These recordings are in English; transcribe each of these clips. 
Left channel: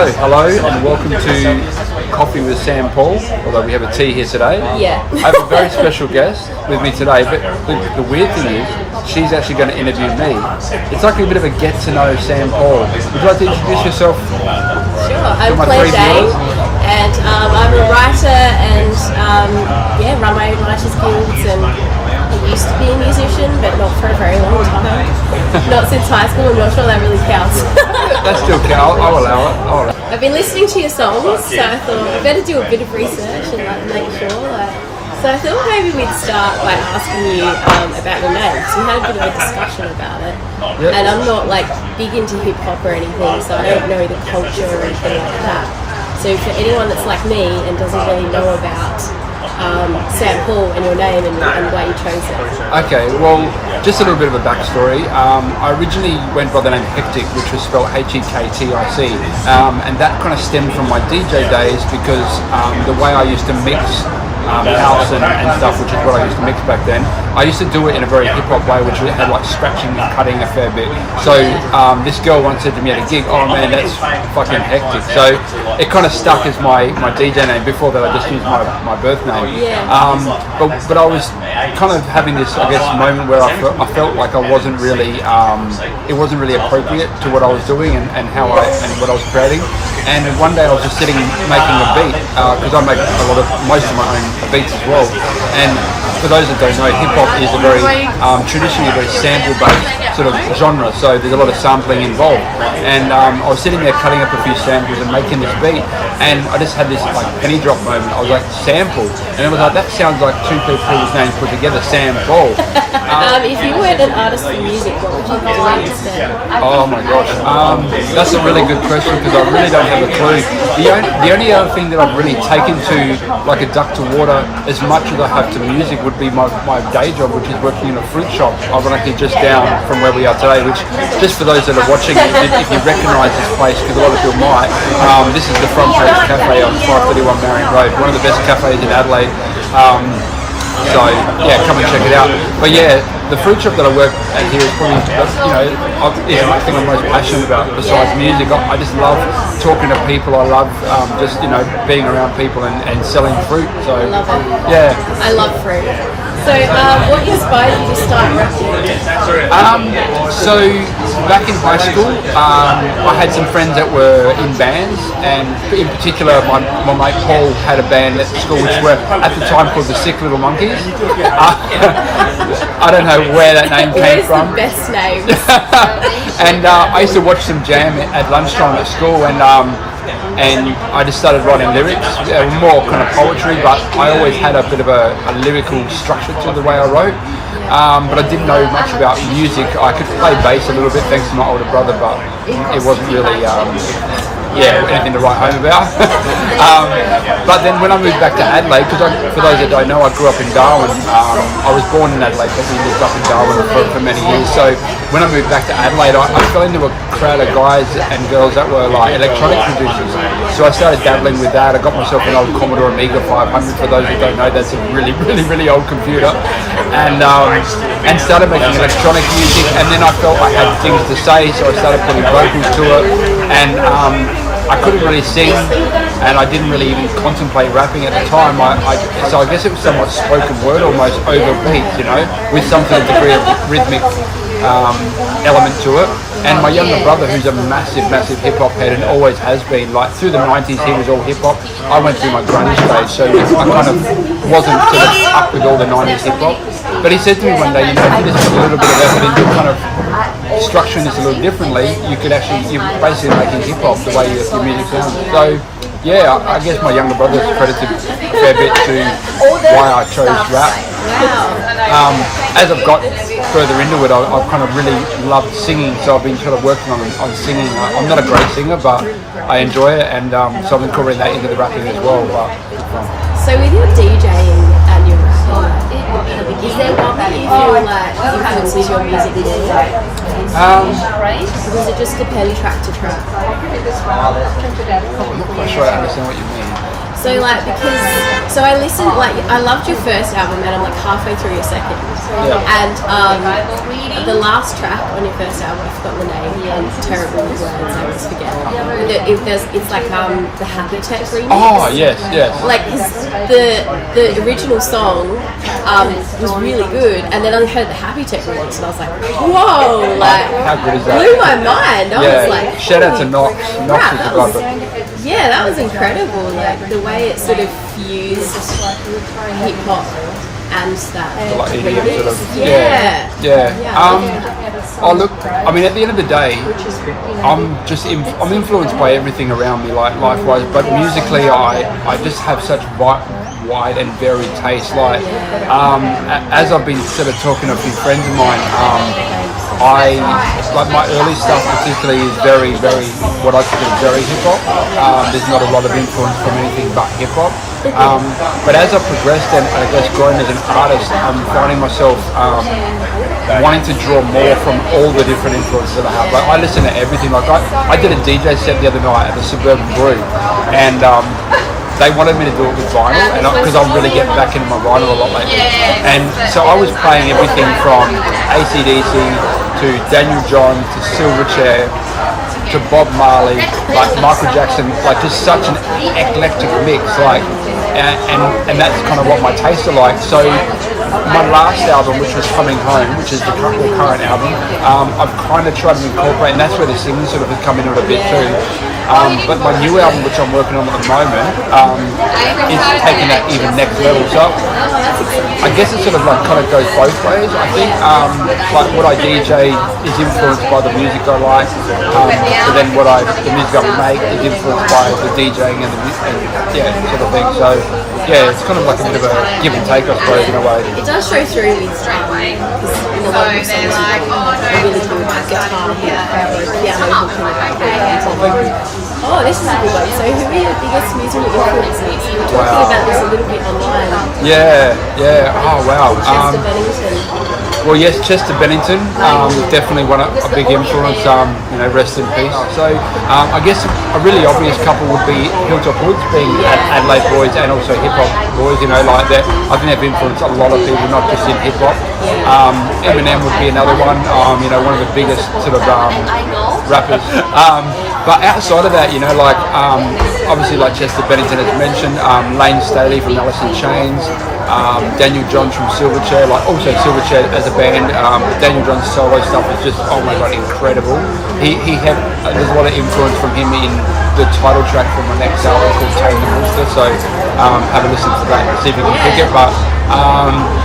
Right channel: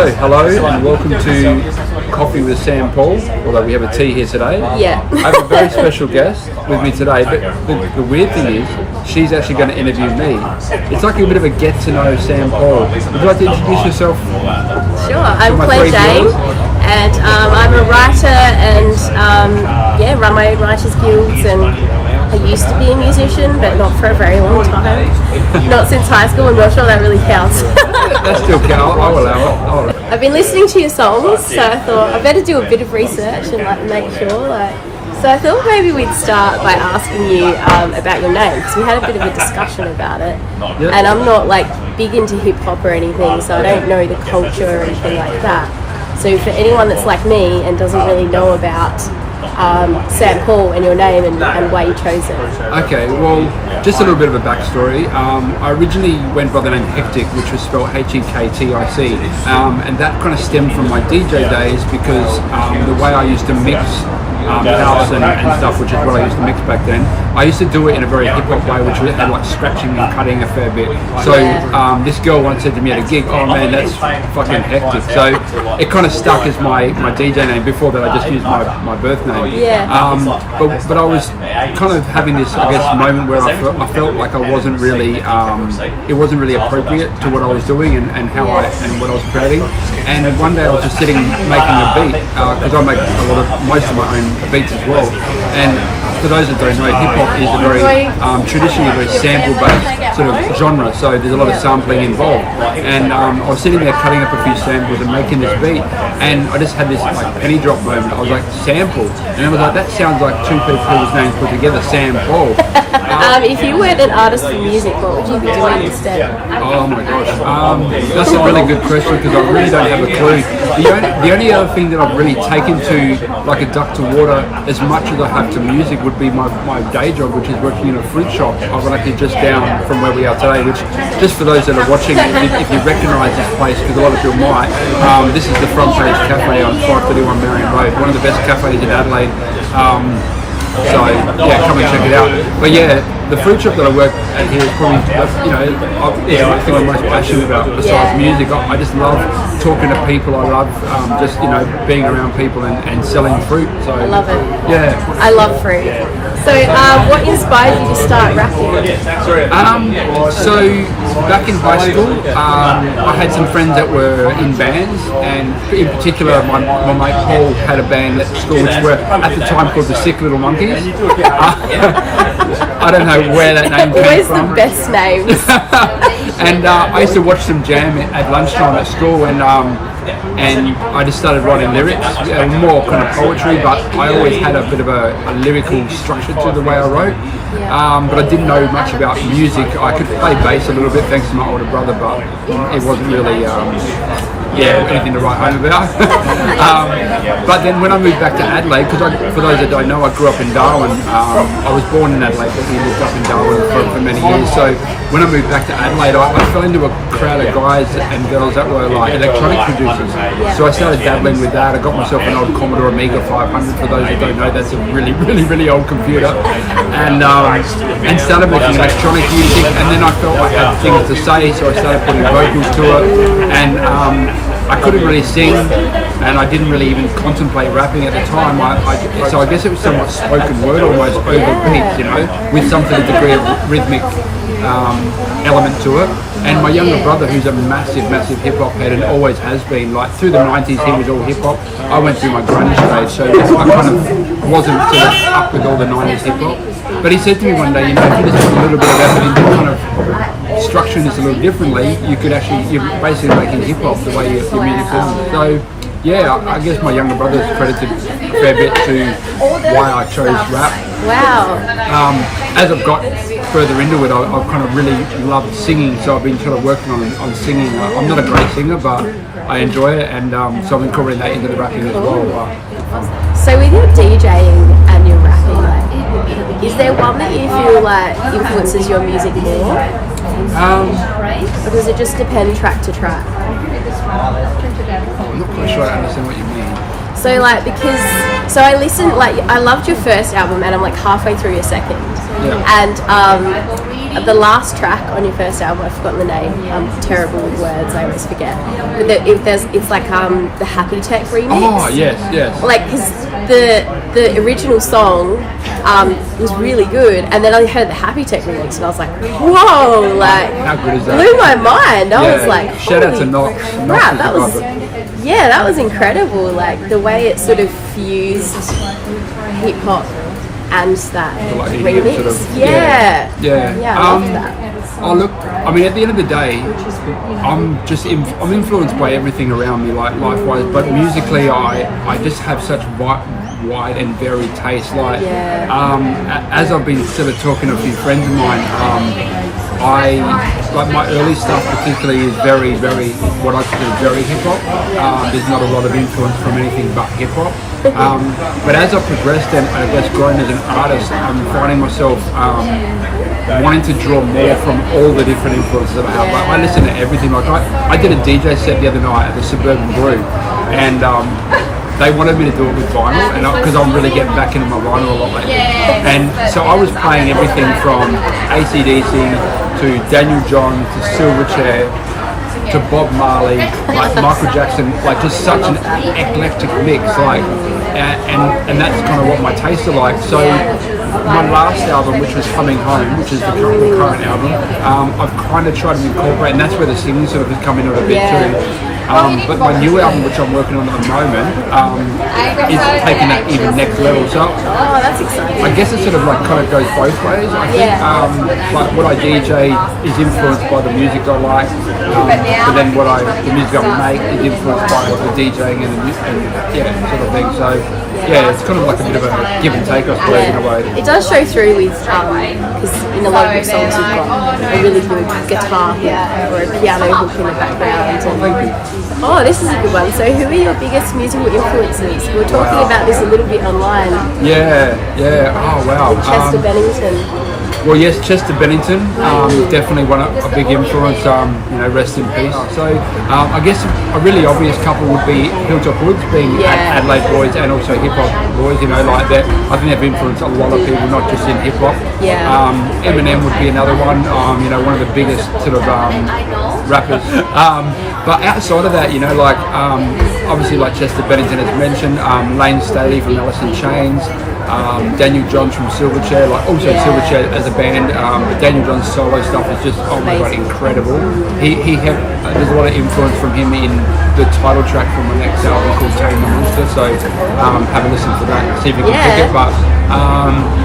So, hello and welcome to Coffee with SamPaul, although we have a tea here today. Yeah. I have a very special guest with me today, but the weird thing is, she's actually going to interview me. It's like a bit of a get to know SamPaul. Would you like to introduce yourself? Sure, I'm Clare and I'm a writer and run my own writers guilds, and I used to be a musician, but not for a very long time. Not since high school. I'm not sure that really counts. That still counts. I'll allow it. I've been listening to your songs, so I thought I better do a bit of research and make sure. So I thought maybe we'd start by asking you about your name, because we had a bit of a discussion about it. Yep. And I'm not big into hip hop or anything, so I don't know the culture or anything like that. So for anyone that's like me and doesn't really know about SamPaul and your name and why you chose it. Okay, well, just a little bit of a backstory. I originally went by the name Hectic, which was spelled Hektic, and that kind of stemmed from my DJ days, because the way I used to mix house and stuff, which is what I used to mix back then, I used to do it in a very hip-hop way, which had scratching and cutting a fair bit. So this girl once said to me at a gig, "Oh man, that's fucking hectic." So it kind of stuck as my DJ name. Before that I just used my birth name. Yeah. But I was kind of having this, I guess, moment where I felt like I wasn't really, it wasn't really appropriate to what I was doing and how and what I was creating. And one day I was just sitting making a beat, because I make most of my own beats as well. And for those that don't know, hip hop is a very traditionally very sample-based sort of genre, so there's a lot of sampling involved. And I was sitting there cutting up a few samples and making this beat, and I just had this penny drop moment. I was like, sample, and it was like, that sounds like two people's names put together, SamPaul. If you weren't an artist in music, what would you be doing instead? Oh my gosh, that's a really good question, because I really don't have a clue. The only other thing that I've really taken to like a duck to water as much as I have to music would be my day job, which is working in a fruit shop, ironically just down from where we are today, which, just for those that are watching, if you recognise this place, because a lot of people might, this is the Front Page Cafe on 531 Marion Road, one of the best cafes in Adelaide. So yeah, come and check it out. But yeah, the fruit shop that I work at here is probably, is the thing I'm most passionate about besides music. I just love talking to people. I love just being around people and selling fruit. So I love it. Yeah, I love fruit. So what inspired you to start rapping? So back in high school, I had some friends that were in bands, and in particular my mate Paul had a band at school which were at the time called the Sick Little Monkeys. I don't know where that name came from. Always the best names. And I used to watch them jam at lunchtime at school, and I just started writing lyrics. More kind of poetry, but I always had a bit of a lyrical structure to the way I wrote. But I didn't know much about music. I could play bass a little bit thanks to my older brother, but it wasn't really anything to write home about. But then when I moved back to Adelaide, because for those that don't know, I grew up in Darwin. I was born in Adelaide, but we lived up in Darwin for many years. So when I moved back to Adelaide, I fell into a crowd of guys and girls that were electronic producers. So I started dabbling with that. I got myself an old Commodore Amiga 500. For those that don't know, that's a really, really, really old computer. And started making electronic music. And then I felt I had things to say, so I started putting vocals to it. And I couldn't really sing, and I didn't really even contemplate rapping at the time. So I guess it was somewhat spoken word, almost over beats, with some sort of degree of rhythmic element to it. And my younger brother, who's a massive, massive hip hop head and always has been, through the 90s, he was all hip hop. I went through my grunge stage, so I kind of wasn't sort of up with all the 90s hip hop. But he said to me one day, if you just put a little bit of effort into kind of structuring this a little differently, you're basically making hip hop the way your music sounds. So yeah, I guess my younger brother is credited a fair bit to why I chose rap. Wow. As I've got further into it, I've kind of really loved singing, so I've been sort of working on singing. I'm not a great singer, but I enjoy it, and so I'm incorporating that into the rapping as well. So with your DJing and your rapping, is there one that you feel influences your music more? Or does it just depend track to track? I'm not quite sure I understand what you mean. So I listened, I loved your first album, and I'm halfway through your second. Yeah. And the last track on your first album, I've forgotten the name. I'm terrible with words. I always forget. But it's like the Happy Tech remix. Oh yes. Like, because the original song was really good, and then I heard the Happy Tech remix, and I was like, whoa! Like, how good is that? Blew my mind. I was like, shout out to Knox. Crap, that was incredible. Like the way it sort of fused hip hop and that like remix. Sort of, yeah. I love that. Oh look, I mean, at the end of the day, I'm influenced by everything around me, like life-wise. But musically, I just have such wide and varied taste. Like, as I've been sort of talking to a few friends of mine, I like my early stuff particularly is very, very what I consider very hip hop. There's not a lot of influence from anything but hip hop. But as I've progressed and I guess grown as an artist, I'm finding myself wanting to draw more from all the different influences that I have. Like, I listen to everything. Like I did a DJ set the other night at the Suburban Brew, and they wanted me to do it with vinyl, and because I'm really getting back into my vinyl a lot lately. And so I was playing everything from AC/DC to Daniel John to Silverchair to Bob Marley, like Michael Jackson, like just such an eclectic mix, like, and that's kind of what my tastes are like. So my last album, which was Coming Home, which is the current album, I've kind of tried to incorporate, and that's where the singing sort of has come into it a bit too. But my new album, which I'm working on at the moment, is taking that even next level. So that's exciting. I guess it sort of like kind of goes both ways. I think like what I DJ is influenced by the music I like, but then the music I make is influenced by the DJing and sort of thing. So it's kind of like a bit of a give and take, I suppose, in a way. It does show through with because in a lot of your songs you've got a really good guitar hit or a piano hook in the background. And, this is a good one. So who are your biggest musical influences? We were talking about this a little bit online. Yeah. Oh wow. Chester Bennington. Well, yes, Chester Bennington, definitely a big influence. Rest in peace. So, I guess a really obvious couple would be Hilltop Hoods, being Adelaide boys and also hip hop boys. Like that. I think they've influenced a lot of people, not just in hip hop. Yeah. Eminem would be another one. One of the biggest sort of rappers. But outside of that, obviously like Chester Bennington as mentioned, Lane Staley from Alice in Chains. Daniel John from Silverchair, like also Silverchair as a band. Daniel John's solo stuff is just incredible. There's a lot of influence from him in the title track from my next album called Tame the Monster. So have a listen to that and see if you can pick it. But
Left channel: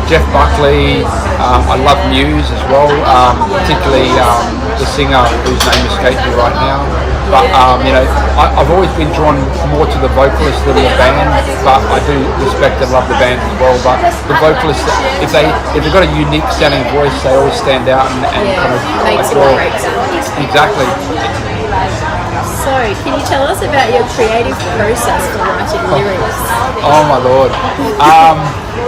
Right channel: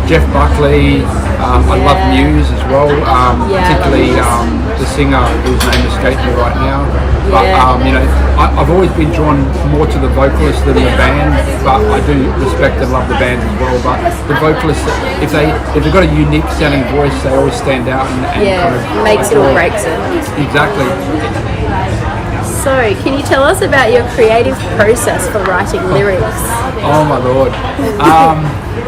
Jeff Buckley, I love Muse as well, particularly the singer whose name escapes me right now. But I've always been drawn more to the vocalist than the band, but I do respect and love the band as well. But the vocalists, if they've got a unique sounding voice, they always stand out and kind of makes it or breaks it. Exactly. So, can you tell us about your creative process for writing lyrics? Oh my lord.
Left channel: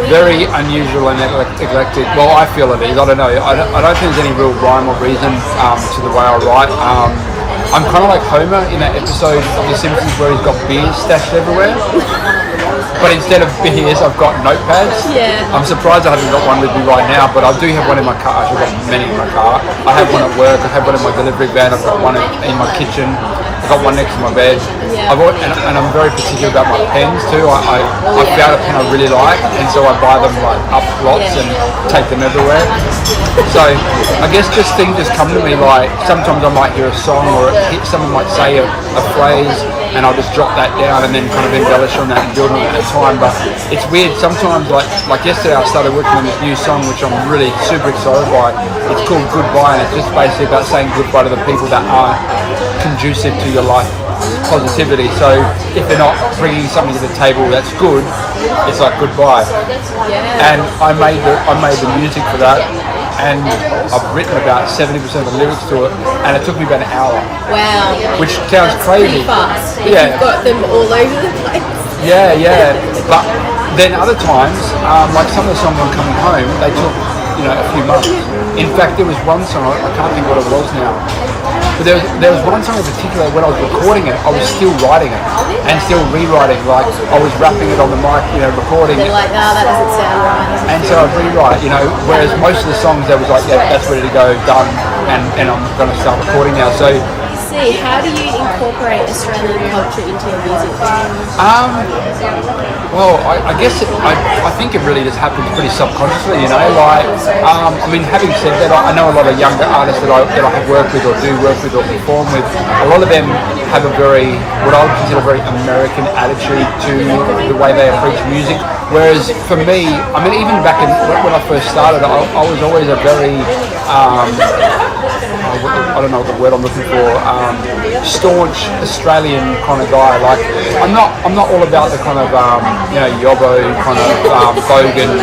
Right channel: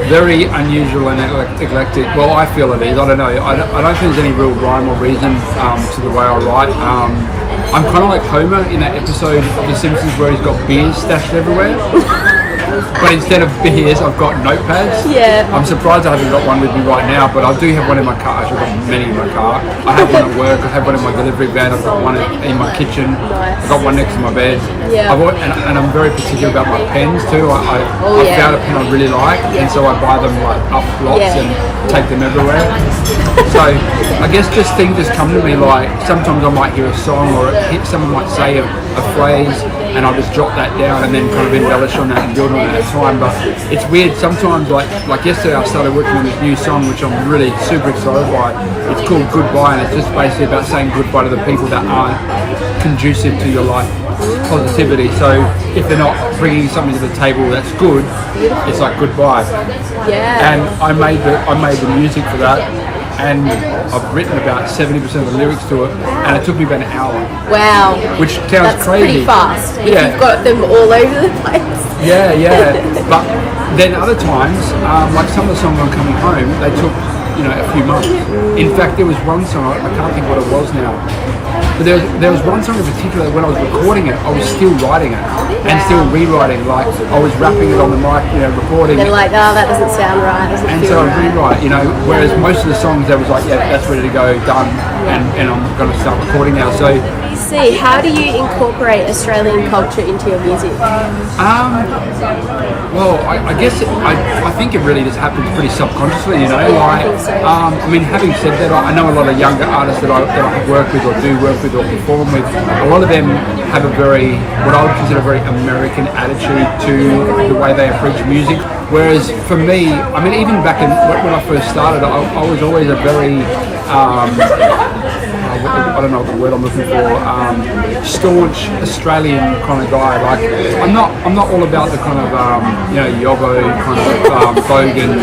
Very unusual and eclectic. Well, I feel it is. I don't know. I don't think there's any real rhyme or reason to the way I write. I'm kind of like Homer in that episode of The Simpsons where he's got beers stashed everywhere. But instead of beers, I've got notepads. Yeah. I'm surprised I haven't got one with me right now, but I do have one in my car. I've got many in my car. I have one at work. I have one in my delivery van. I've got one in my kitchen. I've got one next to my bed. Yeah. And I'm very particular about my pens too. I found a pen I really like, and so I buy them like up lots and take them everywhere. So I guess just things just come to me, like sometimes I might hear a song or someone might say a phrase and I'll just jot that down and then kind of embellish on that and build on it at the time. But it's weird, sometimes like yesterday I started working on this new song which I'm really super excited by. It's called Goodbye, and it's just basically about saying goodbye to the people that aren't conducive to your life positivity. So if they're not bringing something to the table that's good, it's like goodbye. Yeah. And I made the music for that, and I've written about 70% of the lyrics to it, and it took me about an hour. Wow. Which sounds crazy. Pretty fast. If you've got them all over the place. Yeah. But then other times, like some of the songs on Coming Home, they took a few months. In fact, there was one song, I can't think what it was now, but there was one song in particular when I was recording it, I was still writing it. and still rewriting. Like I was rapping it on the mic, recording. And like, oh, that doesn't sound right. And so I rewrite, whereas most of the songs there was like, yeah, that's ready to go, done, and I'm going to start recording now. So. How do you incorporate Australian culture into your music? Well, I guess I think it really just happens pretty subconsciously, having said that, I know a lot of younger artists that I have worked with or do work with or perform with. A lot of them have what I would consider a very American attitude to the way they approach music. Whereas for me, even back when I first started, I was always a very I don't know the word I'm looking for. Staunch Australian kind of guy. Like I'm not all about the kind of Yobbo kind of Bogan,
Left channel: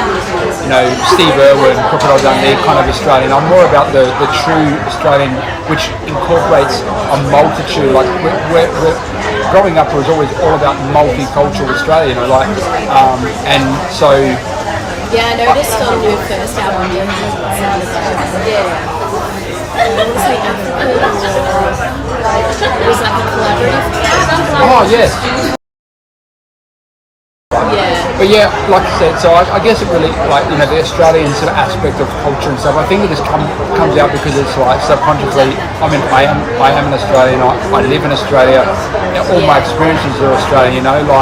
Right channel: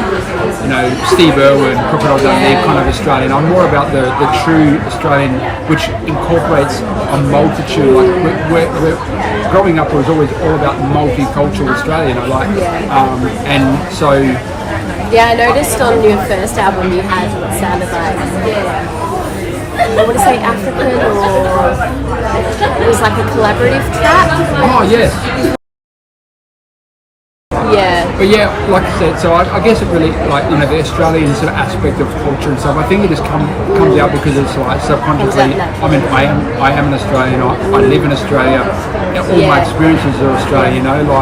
Steve Irwin, Crocodile Dundee kind of Australian. I'm more about the true Australian, which incorporates a multitude. Like we're growing up, it was always all about multicultural Australia. And so. Yeah, I noticed on your first album you had it sounded like. I want to say African, or it was like a collaborative track. Oh yes. Yeah. But yeah, like I said, so I guess it really the Australian sort of aspect of culture and stuff. I think it just comes out because it's like subconsciously. I am an Australian. I live in Australia. All my experiences are Australian. You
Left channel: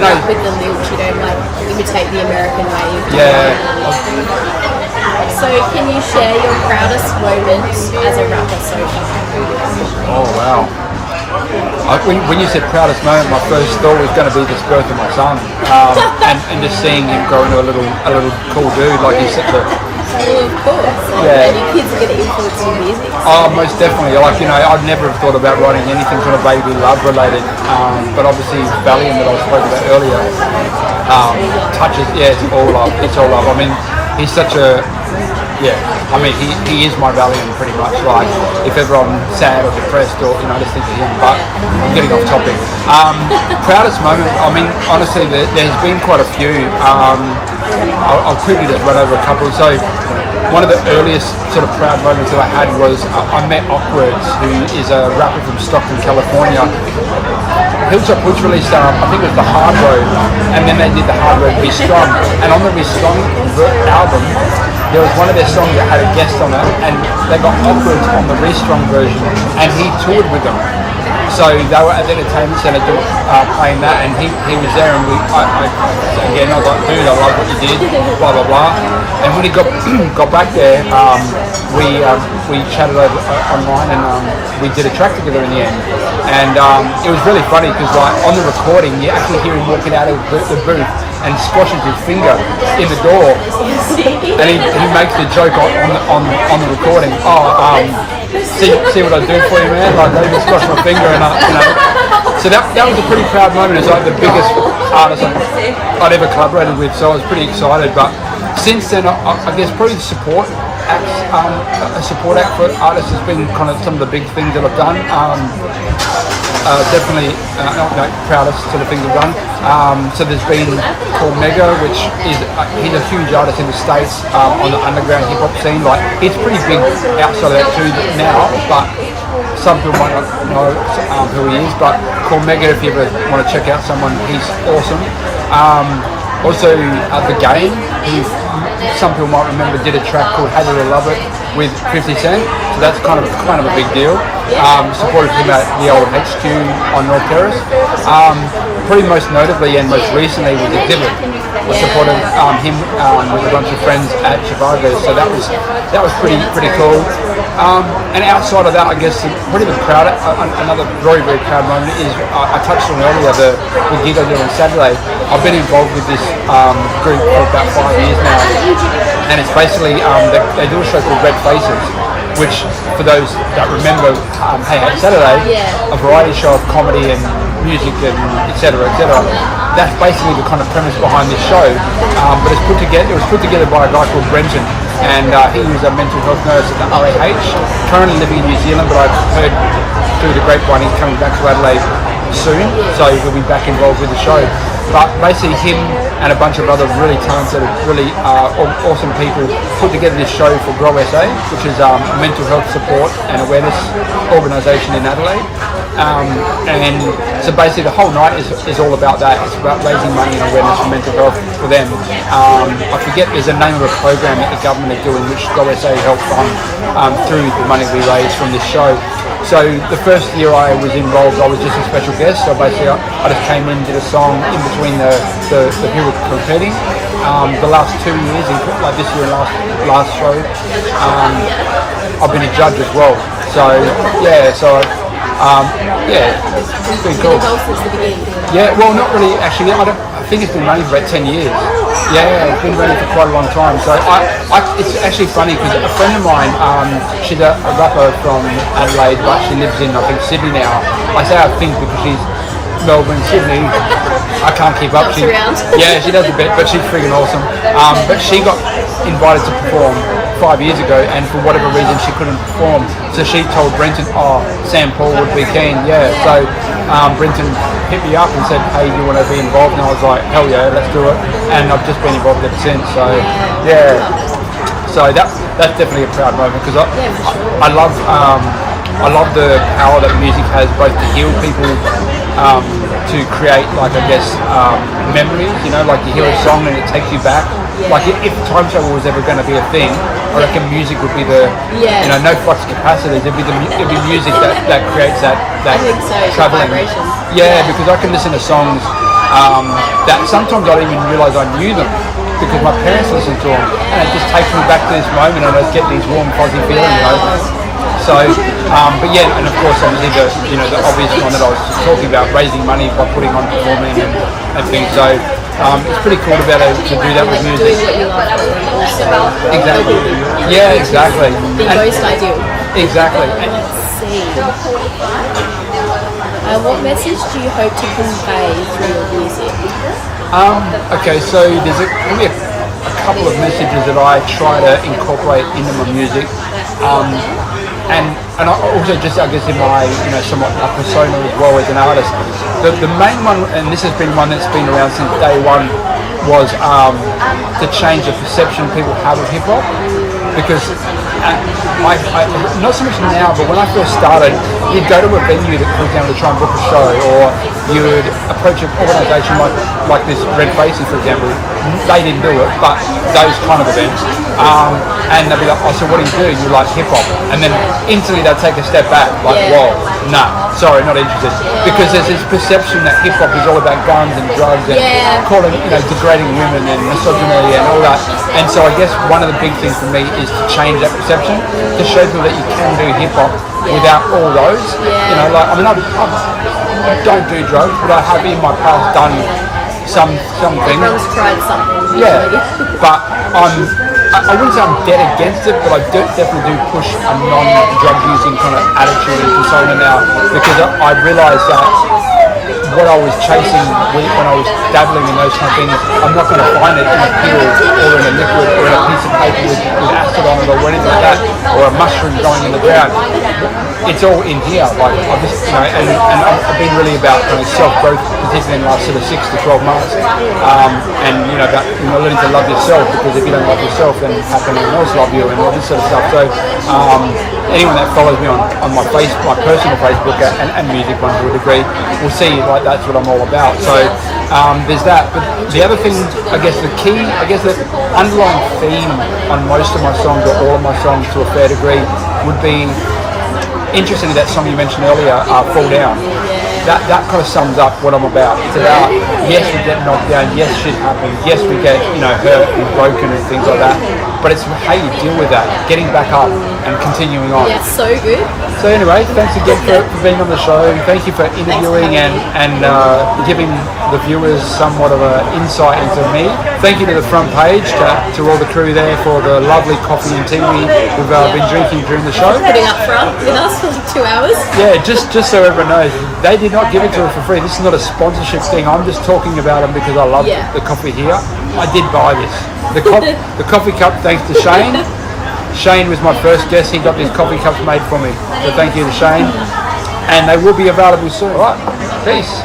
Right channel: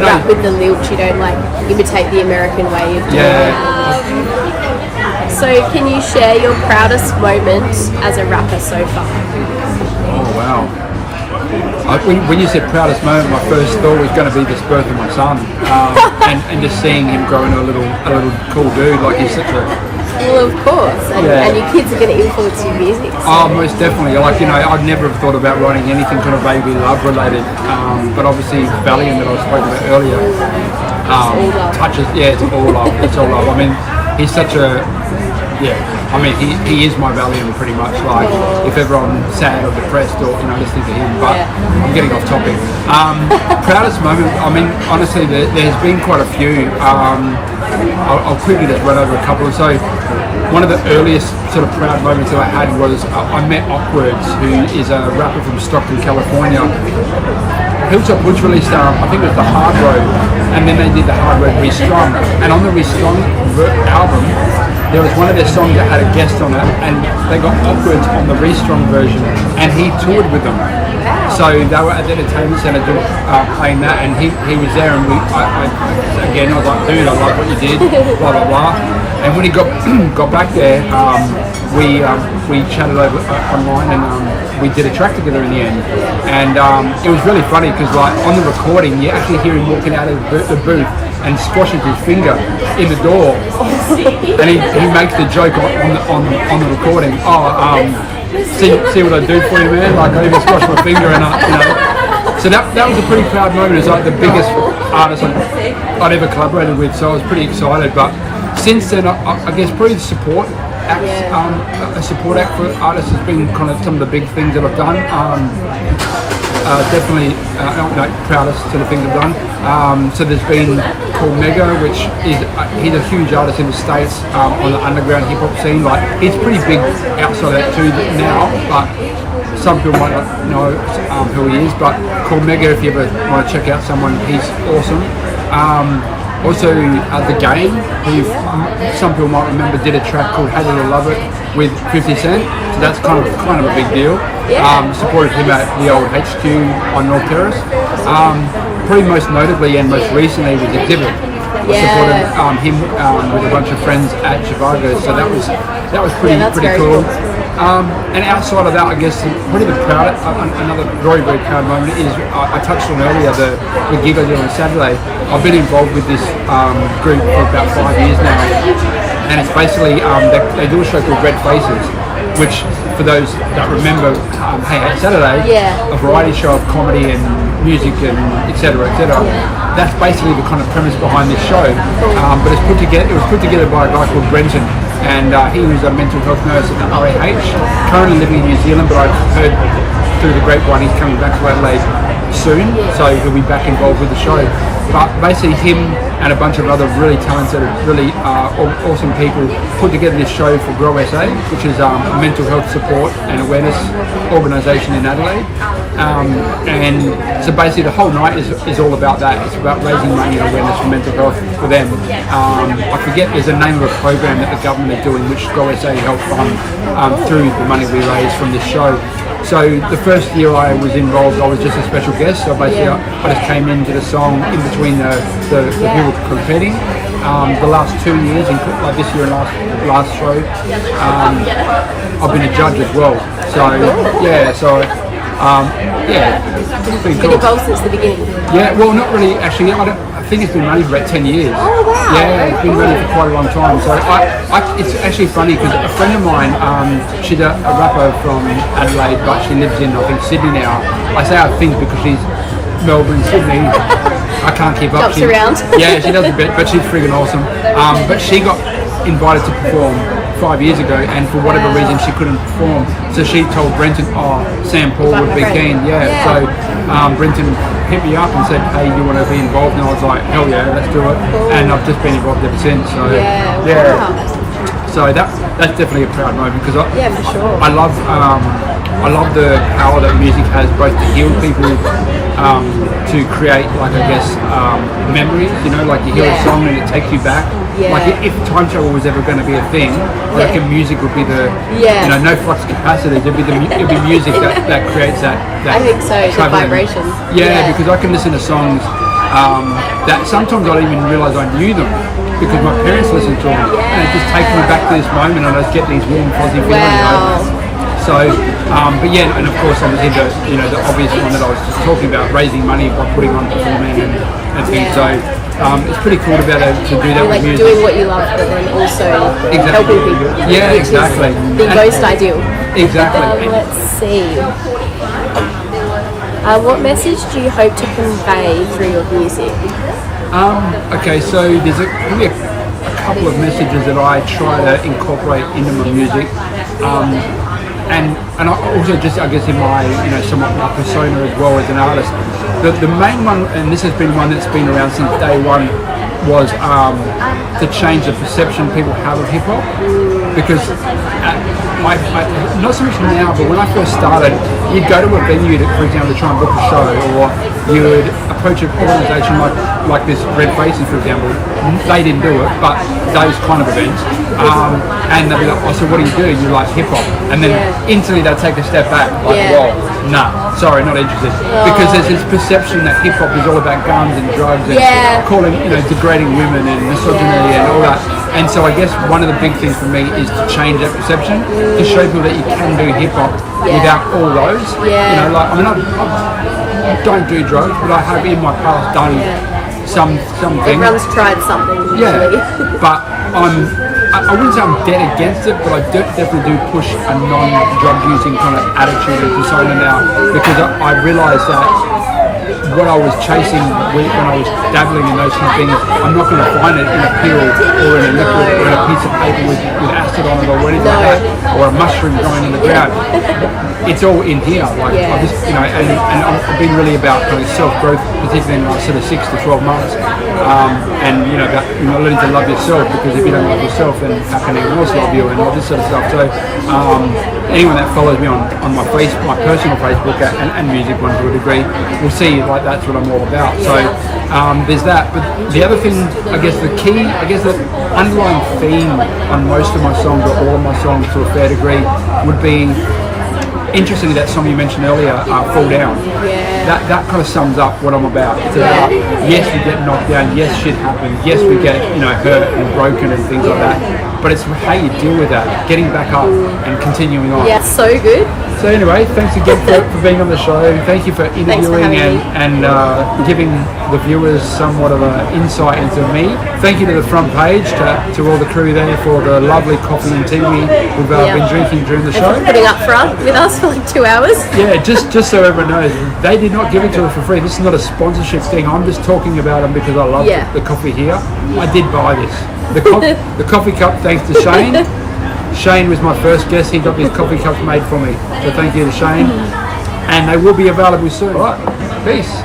rap with the lilt. You don't imitate the American way of doing it. So can you share your proudest moment as a rapper so far? Oh wow. When you said proudest moment, my first thought was going to be this birth of my son, and just seeing him grow into a little cool dude. Like he's such a. Well, of course, and your kids are going to influence your music. So. Oh, most definitely. I'd never have thought about writing anything kind of baby love related, but obviously Valiant that I spoke about earlier touches. Yeah, it's all love. It's all love. He's such a. Yeah, he is my Valiant pretty much. Like, if ever I'm sad or depressed or, I just think of him, but I'm getting off topic. Proudest moment, honestly, there's been quite a few. I'll quickly just run over a couple. So, one of the earliest sort of proud moments that I had was I met Awkwards, who is a rapper from Stockton, California. Hilltop Woods released, I think it was The Hard Road, and then they did The Hard Road Restrung. And on the Restrung album, there was one of their songs that had a guest on it, and they got Awkwards on the Restrung version, and he toured with them. So they were at the entertainment centre playing that, and he was there, and I was like, dude, I love what you did, blah blah blah. And when he got back there, we chatted over online, and we did a track together in the end. And it was really funny because on the recording, you actually hear him walking out of the booth and squashing his finger in the door, and he makes the joke on the recording. See what I do for you, man. Like I just squashed my finger, and So that was a pretty proud moment. It's like the biggest artist I'd ever collaborated with, so I was pretty excited. But since then, I guess probably the support acts, a support act for artists has been kind of some of the big things that I've done. Definitely proudest sort of things I've done. So there's been Called Mega, which is he's a huge artist in the States on the underground hip hop scene. Like he's pretty big outside of that too now, but some people might not know who he is. But Called Mega, if you ever want to check out someone, he's awesome. Also, The Game, who some people might remember did a track called Hate It or Love It with 50 Cent. So that's kind of a big deal. Supported him at the old HQ on North Terrace. Probably most notably and most recently was The Divot. I supported him with a bunch of friends at Chicago. So that was pretty cool. And outside of that, I guess probably another very, very proud moment is I touched on earlier the gig I did on Saturday. I've been involved with this group for about 5 years now, and it's basically they do a show called Red Faces, which for those that remember, Hey Saturday, a variety show of comedy and music and etc. That's basically the kind of premise behind this show. But it was put together by a guy called Brenton. And he was a mental health nurse at the OAH, currently living in New Zealand, but I've heard through the grapevine he's coming back to Adelaide soon, so he'll be back involved with the show. But basically him and a bunch of other really talented, really awesome people put together this show for Grow SA, which is mental health support and awareness organisation in Adelaide. And so basically the whole night is all about that. It's about raising money and awareness for mental health for them. I forget, there's a name of a program that the government are doing which Gore help fund through the money we raise from this show. So the first year I was involved, I was just a special guest. So basically I just came in, did a song in between the people competing. The last 2 years, like this year and last show, I've been a judge as well. So yeah, it's been cool. Been involved since the beginning. Yeah, well, not really. Actually, I think it's been running for about 10 years. Oh wow! Yeah, it's been running for quite a long time. So it's actually funny because a friend of mine, she's a rapper from Adelaide, but she lives in, I think, Sydney now. I say I think because she's Melbourne, Sydney. I can't keep up. Jumps around. Yeah, she does a bit, but she's freaking awesome. But she got invited to perform 5 years ago, and for whatever reason she couldn't perform. So she told Brenton, SamPaul would be keen. Yeah. So Brenton hit me up and said, hey, you want to be involved? And I was like, hell yeah, let's do it. And I've just been involved ever since. So yeah. So that's definitely a proud moment because for sure. I love the power that music has, both to heal people, to create, like, I guess, memories, like you hear a song and it takes you back. Like if time travel was ever going to be a thing, I reckon music would be no flux capacities. It'd be music that creates that. I think so. The vibration. Yeah, because I can listen to songs that sometimes I don't even realise I knew them because my parents listened to them, and it just takes me back to this moment, and I just get these warm, fuzzy feelings. So, but yeah, and of course, obviously the obvious one that I was just talking about, raising money by putting on performing and things. So. It's pretty cool to be able to do that with music. Doing what you love, but then also helping people. Yeah, exactly. The ghost ideal. Exactly. Let's see. What message do you hope to convey through your music? Okay, so there's maybe a couple of messages that I try to incorporate into my music. And I also just, I guess, in my, somewhat my persona as well as an artist. The main one, and this has been one that's been around since day one, was to change the perception people have of hip hop. Because not so much now, but when I first started, you'd go to a venue that, for example, to try and book a show, or you would approach an organisation like this Red Facing, for example. They didn't do it, but those kind of events. And they'd be like, so what do? You're like hip hop. And then instantly they'd take a step back, like, whoa, nah, sorry, not interested. Because there's this perception that hip hop is all about guns and drugs and calling, degrading women and misogyny and all that. And so I guess one of the big things for me is to change that perception, to show people that you can do hip hop without all those. I don't do drugs, but I have in my past done some things. Everyone's tried something usually. Yeah, but I wouldn't say I'm dead against it, but I definitely do push a non-drug using kind of attitude and persona now, because I realised that what I was chasing when I was dabbling in those kind of things, I'm not going to find it in a pill or in a liquid or in a piece of paper with acid on it or anything like that, or a mushroom going in the ground. It's all in here. Like I just, and I've been really about kind of self-growth, particularly in the last sort of 6 to 12 months, and that learning to love yourself, because if you don't love yourself, then how can anyone else love you, and all this sort of stuff. So anyone that follows me on my personal Facebook and music one to a degree will see like that's what I'm all about. So there's that. But the other thing, I guess the underlying theme on most of my songs, or all of my songs to a fair degree, would be, interestingly, that song you mentioned earlier, Fall Down. That kind of sums up what I'm about. It's about, yes, we get knocked down, yes, shit happens, yes, we get hurt and broken and things like that, but it's how you deal with that, getting back up and continuing on. Yeah, so good. So anyway, thanks again for being on the show. Thank you for interviewing and giving the viewers somewhat of an insight into me. Thank you to the front page, to all the crew there for the lovely coffee and tea we've been drinking during the show. Putting up front with us for like 2 hours. Yeah, just so everyone knows, they did not give it to us for free. This is not a sponsorship thing. I'm just talking about them because I love the coffee here. I did buy this. The coffee cup, thanks to Shane. Shane was my first guest. He got these coffee cups made for me. So thank you to Shane. And they will be available soon. All right, peace.